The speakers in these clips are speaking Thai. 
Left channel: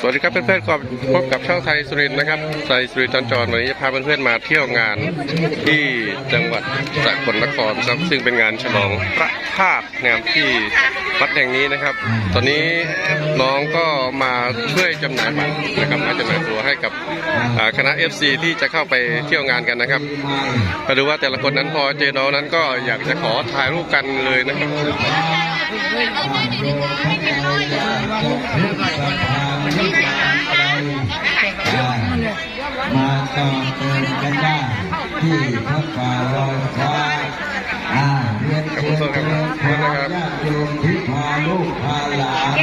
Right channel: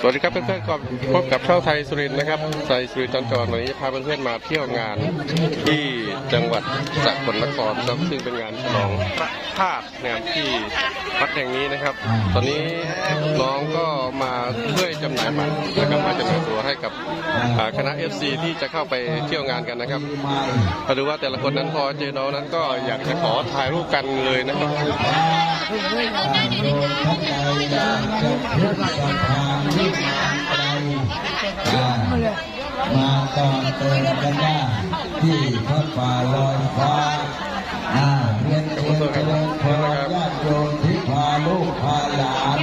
สวัสดีครับเพื่อนๆก็พบกับเช่องไทยสุรินนะครับไทยสุรินทร์จันจรวันนี้จะพาเพื่อนๆมาเที่ยวงานที่จังหวัดสกลนครครับซึ่งเป็นงานฉลองพระธาตุนะครับที่วัดแห่งนี้นะครับ ตอนนี้น้องก็มาช่วยจำหน่ายบัตรนะครับมาจำหน่ายตัวให้กับคณะ FC ที่จะเข้าไปเที่ยวงานกันนะครับมาดูว่าแต่ละคนนั้นพอเจอน้องนั้นก็อยากจะขอถ่ายรูปกันเลยนะครับ มาต่อเติมกันได้ที่พระป่าลอยฟ้าอ่าเรียนเชิญเจริญพรญาติโยมที่พาลูกพาหลาน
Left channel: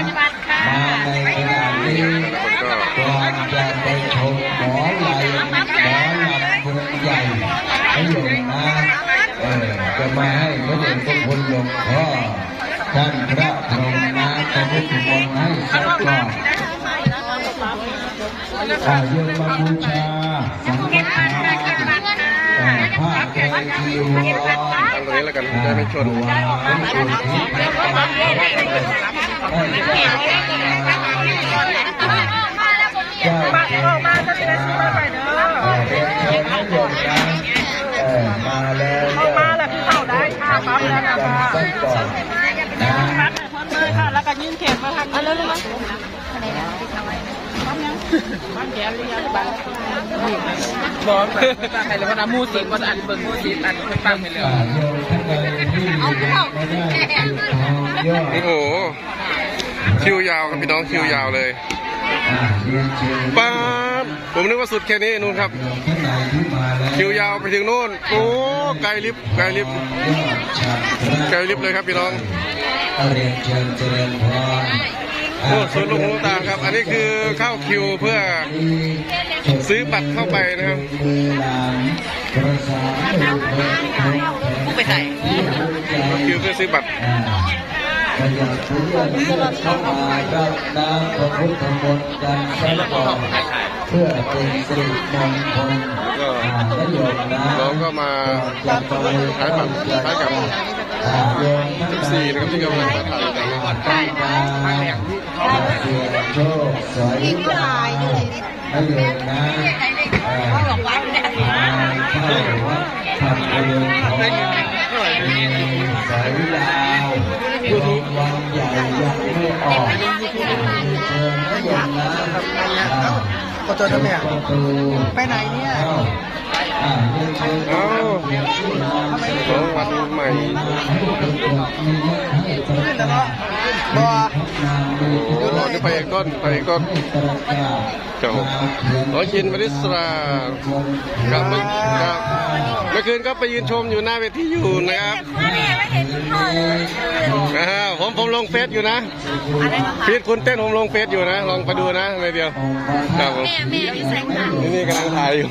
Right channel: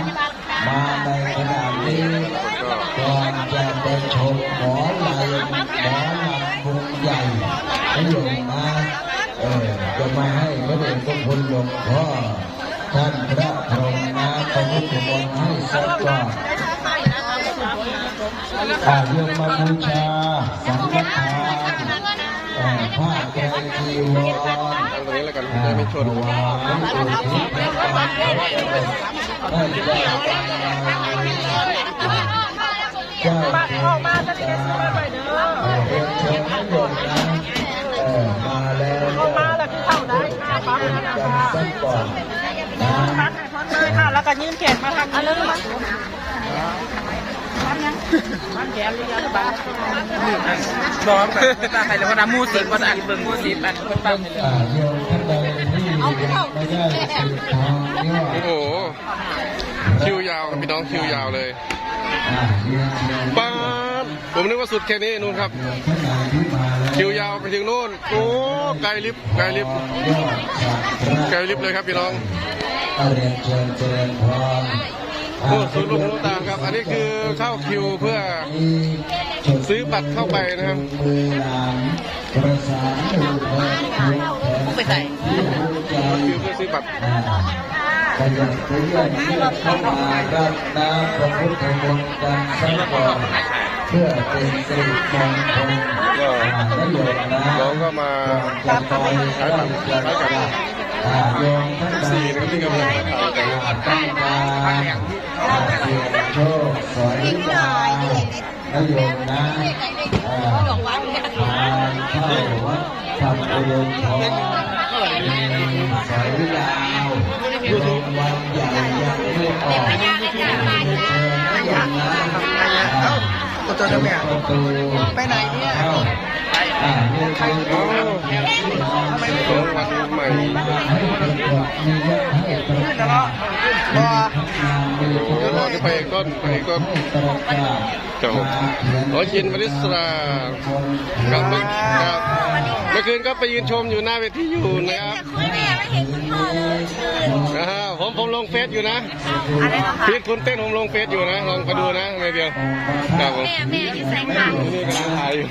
มาในขณะนี้ก่อนจะไปชมหมอลายหมอลำวงใหญ่พระโยมนะเออจะมาให้พระเดชพระคุณหลวงพ่อ ท่านพระพรหมนะประมุขมงให้สักก่อนอาโยมมาบูชาสังฆทานแต่ผ้าไตรจีวรตั้งตรงนี้แล้วกันจะไม่ชนวายอุทิศให้กับพระได้ได้ นะค่ะ แล้วก็ยื่นแขนมาทางนี้บ้านแขนเรียบ้านแล้วก็นำมูสิภาษาเตอร์มูสิมันตั้งไปเลยโยมท่านใดที่ไม่ได้สืบทองยอดโอ้โหคิวยาวครับพี่น้องคิวยาวเลยป้าดผมนึกว่าสุดแค่นี้นู่นครับ คิวยาวไปถึงนู่น โอ้ไกลลิฟต์ไกลลิฟต์ไกลลิฟต์เลยครับพี่น้อง เรียนเชิญเจริญพรโอ้สุดลูกตาครับ อันนี้คือเข้าคิวเพื่อซื้อบัตรเข้าไปนะครับเข้าคิวเพื่อซื้อบัตร อ่าก็อยากเลือกเลือกขึ้นมาก็น้ำพระพุทธมนต์การใช้ก่อนเพื่อเป็นสิริมงคลก็อ่าและโยมนะน้องก็มาขายบัตรขายกับอ่าโยมสี่นะครับที่กำลังมาถ่ายกันนะตั้งมาอ่าเสียโชคสวยงามและโยมนะอ่าบอกว่าไม่ได้ทานข้าววัดทำประโยชน์ของสายยา ยังไม่ออกเชิญให้โยมนะอ่าประตูไปไหนเนี่ยอ้าวน้องวันใหม่มีเยอะให้ตรงกันมีทักงานดูโอ้นี่ไปเอกต้นไปเอกต้นให้ตรงกันเจ้าร้อยยินบริสราครับครับเมื่อคืนก็ไปยืนชมอยู่หน้าเวทีอยู่นะครับ อ่าผมผมลงเฟซอยู่นะฟีดคุณเต้นผมลงเฟซอยู่นะ ลองไปดูนะในเดียวครับผมแม่แม่อยู่แสงค่ะนี่กำลังถ่ายอยู่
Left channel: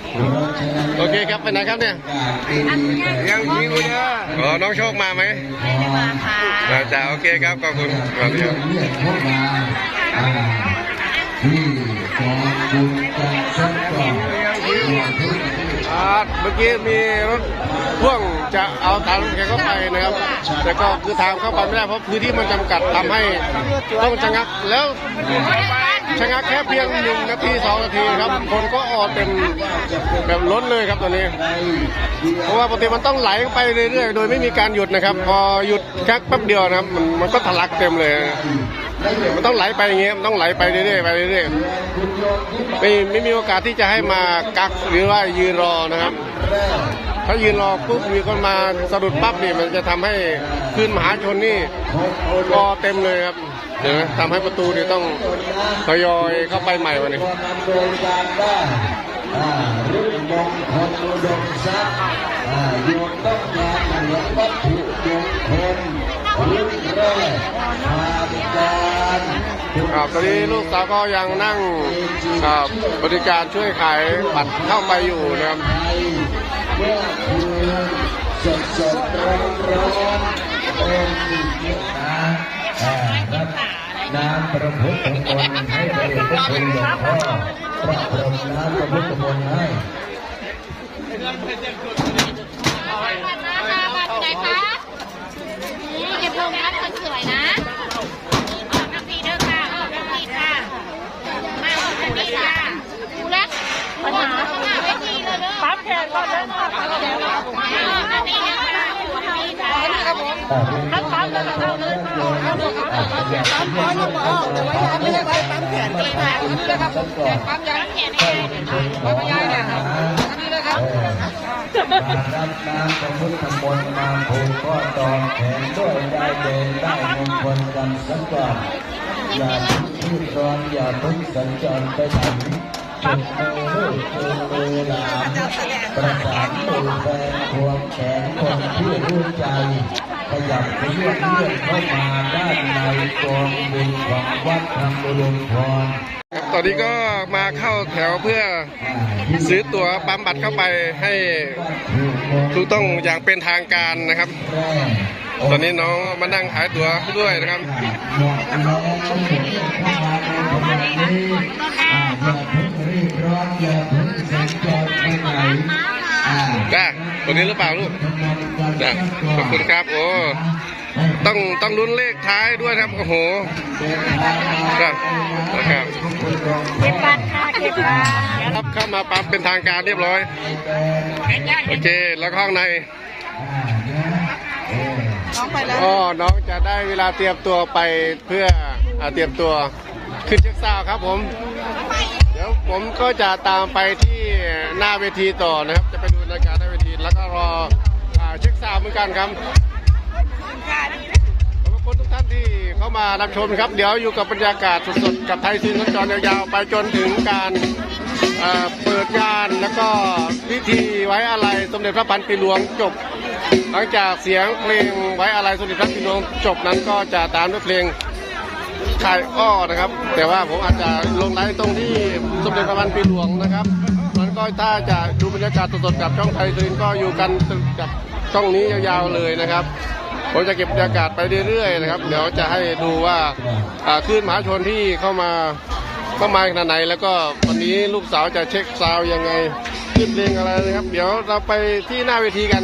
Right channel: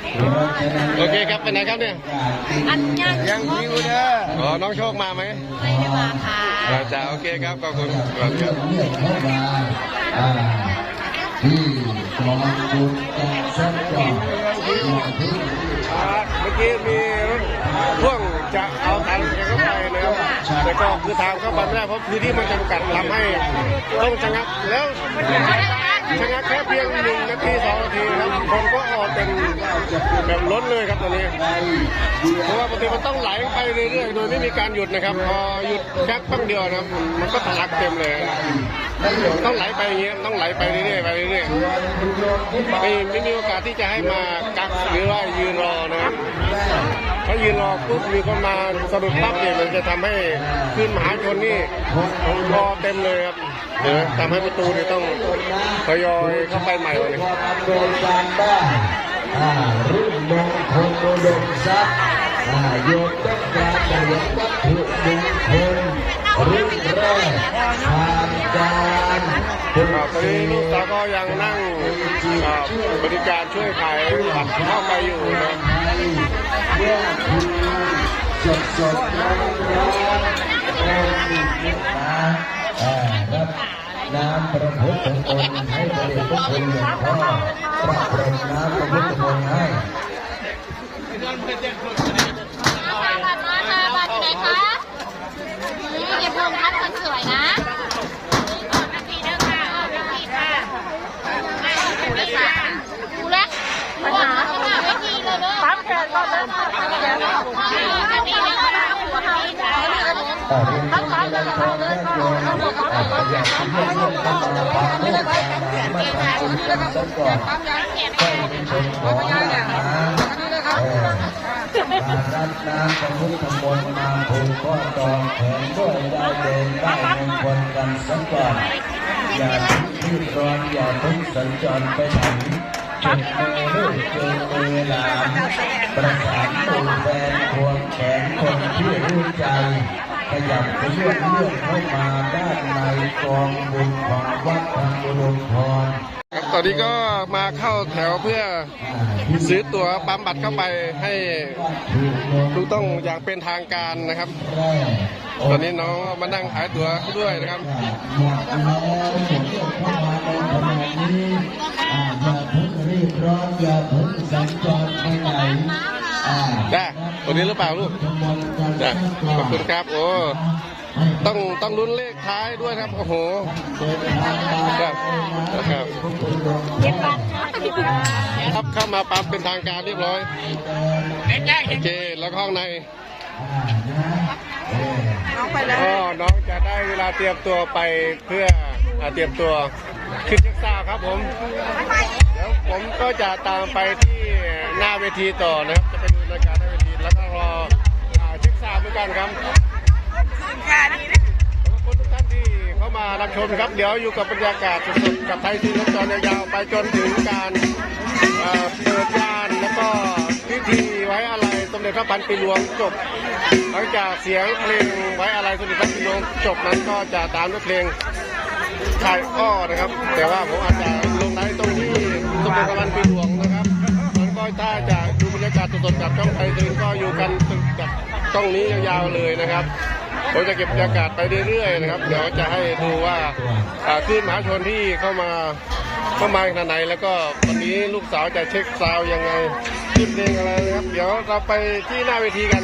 โอเคครับไปไหนครับเนี่ยอันยังยังพ่อแม่อ๋อน้องโชคมาไหมไม่ได้มาค่ะอาจารย์โอเคครับขอบคุณสวัสดีครับเรียกเข้ามาอ่าที่กองบุญการสร้างก่อนที่อ่า เมื่อกี้มีรถพ่วงจะเอาทางแกเข้าไปนะครับ แต่ก็คือทางเข้าไปไม่ได้เพราะพื้นที่มันจำกัดทำให้ต้องชะงักแล้วชะงักแค่เพียงหนึ่งนาทีสองนาทีครับ คนก็ออกเป็นแบบล้นเลยครับตอนนี้เพราะว่าปกติมันต้องไหลไปเรื่อยๆโดยไม่มีการหยุดนะครับ พอหยุดชักแป๊บเดียวนะครับมันก็ทะลักเต็มเลยต้องไหลไปอย่างเงี้ยต้องไหลไปเรื่อยๆไปเรื่อยๆไม่ไม่มีโอกาสที่จะให้มากักหรือว่ายืนรอนะครับถ้ายืนรอปุ๊บมีคนมาสะดุดปั๊บเนี่ยมันจะทำให้ขึ้นมหาชนนี่รอเต็มเลยครับเดี๋ยวทำให้ประตูเนี่ยต้องทยอยเข้าไปใหม่วันนี้อ่าเลโยมต้องการจะยกวัตถุมงคลเรื่องแรกผ่านการ ครับตอนนี้ลูกสาวก็ยังนั่งบริการช่วยขายบัตรเข้าไปอยู่นะครับรับน้ำประพุทธมนต์ให้พระเดชพระคุณหลวงพ่อพระพรหมน้ำประพุทธมนต์ให้ บัตรมาค่ะบัตรไหนคะนี่เก็บลงครับคนสวยนะนี่ก่อนนาทีเด้อค่ะเออนาทีค่ะ ปั๊บปั๊บแล้วก็เอาเลยค่ะปั๊บปั๊บปั๊บปั๊บปั๊บปั๊บไม่ได้ปั๊บปั๊บเนี่ยมาทำบุญกันซะก่ อนให้เป็นคนของมาเออรับน้ำของพุทธมนต์มาผูกข้อตองแขนด้วยได้เดินได้มงคลกันสักก่อนอย่าที่ร้อนอย่าเพิ่งสัญจรไปถึงจุดมือคือมือหลานประสานมือแฟนควงแขนคนที่รู้ใจ ขยับไปเลื่อนเลื่อนเข้ามาด้านในกองบุญของวัดธรรมรุงพรครับตอนนี้ก็มาเข้าแถวเพื่อซื้อตั๋วปั๊มบัตรเข้าไปให้ถูกต้องอย่างเป็นทางการนะครับ ตอนนี้น้องมานั่งขายตั๋วด้วยนะครับเข้ามาในขณะนี้อ่าอย่าเพิ่งรีบร้อนอย่าเพิ่ง จ้าตัวนี้หรือเปล่าลูกจ้าขอบคุณครับโอ้ต้องต้องลุ้นเลขท้ายด้วยครับโอ้โหจ้านะครับครับเข้ามาปั๊มเป็นทางการเรียบร้อย โอเค แล้วก็ข้างในอ๋อน้องจะได้เวลาเตรียมตัวไปเพื่ออเตรียมตัว ขึ้นเช็คซาวครับผม เดี๋ยวผมก็จะตามไปที่หน้าเวทีต่อนะครับ จะไปดูรายการหน้าเวทีแล้วก็รอเช็คซาวเหมือนกันครับขอบคุณทุกท่านที่เข้ามารับชมครับ เดี๋ยวอยู่กับบรรยากาศสดๆกับไทยซีนจรยาวๆไปจนถึงการเปิดงานแล้วก็พิธีไว้อะไรสมเด็จพระพันปีหลวงจบ หลังจากเสียงเพลงไว้อะไรสมเด็จพระพันปีหลวงจบนั้นก็จะตามด้วยเพลง ชายอ้อนะครับ แต่ว่าผมอาจจะลงไลฟ์ตรงที่สมเด็จพระพันปีหลวงนะครับมันก็ถ้าจะดูบรรยากาศสดๆกับช่องไทยซีนก็อยู่กันกับช่องนี้ยาวๆเลยนะครับผมจะเก็บบรรยากาศไปเรื่อยๆนะครับ เดี๋ยวจะให้ดูว่าคลื่นมหาชนที่เข้ามาเข้ามาขนาดไหน แล้วก็วันนี้ลูกสาวจะเช็คซาวยังไงคิดเพลงอะไรนะครับ เดี๋ยวเราไปที่หน้าเวทีกัน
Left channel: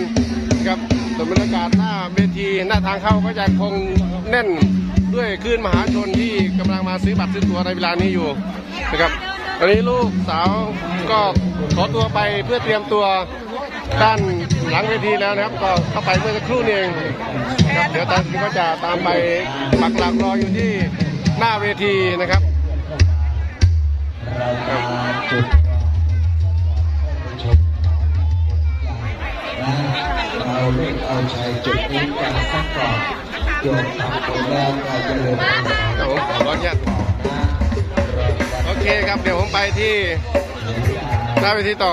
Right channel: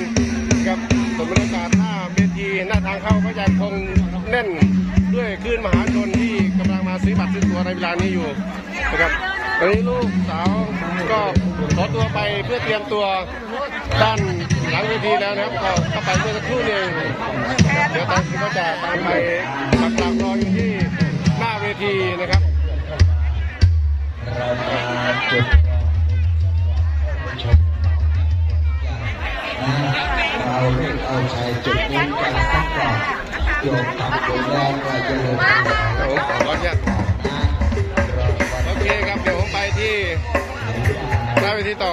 ครับส่วนบรรยากาศหน้าเวทีหน้าทางเข้าก็จะคงแน่น ด้วยคลื่นมหาชนที่กำลังมาซื้อบัตรซื้อตั๋วในเวลานี้อยู่นะครับตอนนี้ลูกสาวก็ขอตัวไปเพื่อเตรียมตัวด้านหลังเวทีแล้วนะครับ ก็เข้าไปเมื่อสักครู่นี้เองครับเดี๋ยวทามก็จะตามไปปักหลักรออยู่ที่หน้าเวทีนะครับเราเราเล่นเอาใจจุดนี้กันสักก่อน เดี๋ยวกับตัวแรกไปเจริญครับผมขออนุญาตโอเคครับ เดี๋ยวผมไปที่หน้าเวทีต่อ